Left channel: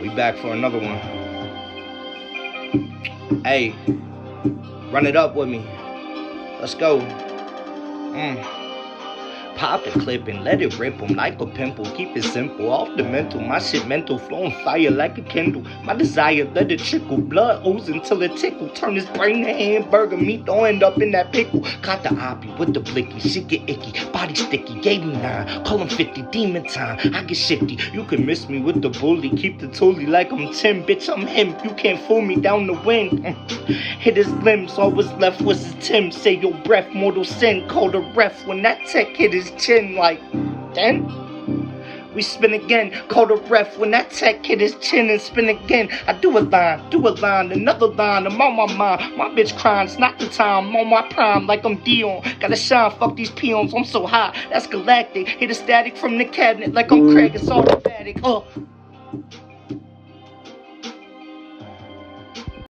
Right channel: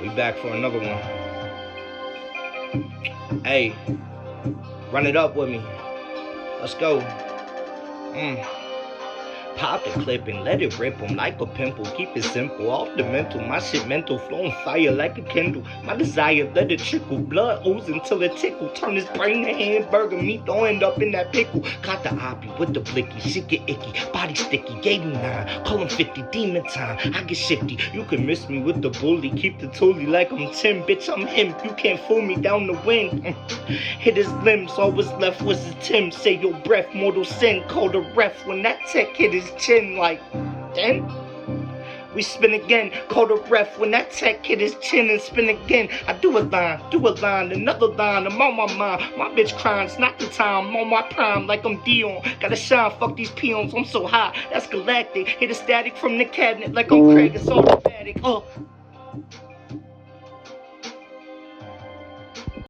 We back for another one. Hey, run it up with me. Let's go. Pop the clip and let it rip 'em like a pimple. Keep it simple, off the mental. My shit mental, flowing fire like a Kindle. My desire, let it trickle. Blood ooze until it tickle. Turn his brain to hamburger meat, don't end up in that pickle. Caught the oppie with the blicky, shit get icky. Body sticky, gave him 9. Call him 50, demon time. I get shifty. You can miss me with the bully. Keep the toolie like I'm Tim. Bitch, I'm him. You can't fool me down the wind. Hit his limbs, all was left was his Tim. Say your breath, mortal sin. Call the ref when that tech hit his chin like, then we spin again. Call the ref when that tech hit his chin and spin again. I do a line, another line. I'm on my mind. My bitch crying, it's not the time. I'm on my prime like I'm Dion. Gotta shine, fuck these peons. I'm so high, that's galactic. Hit a static from the cabinet like I'm Craig. It's automatic.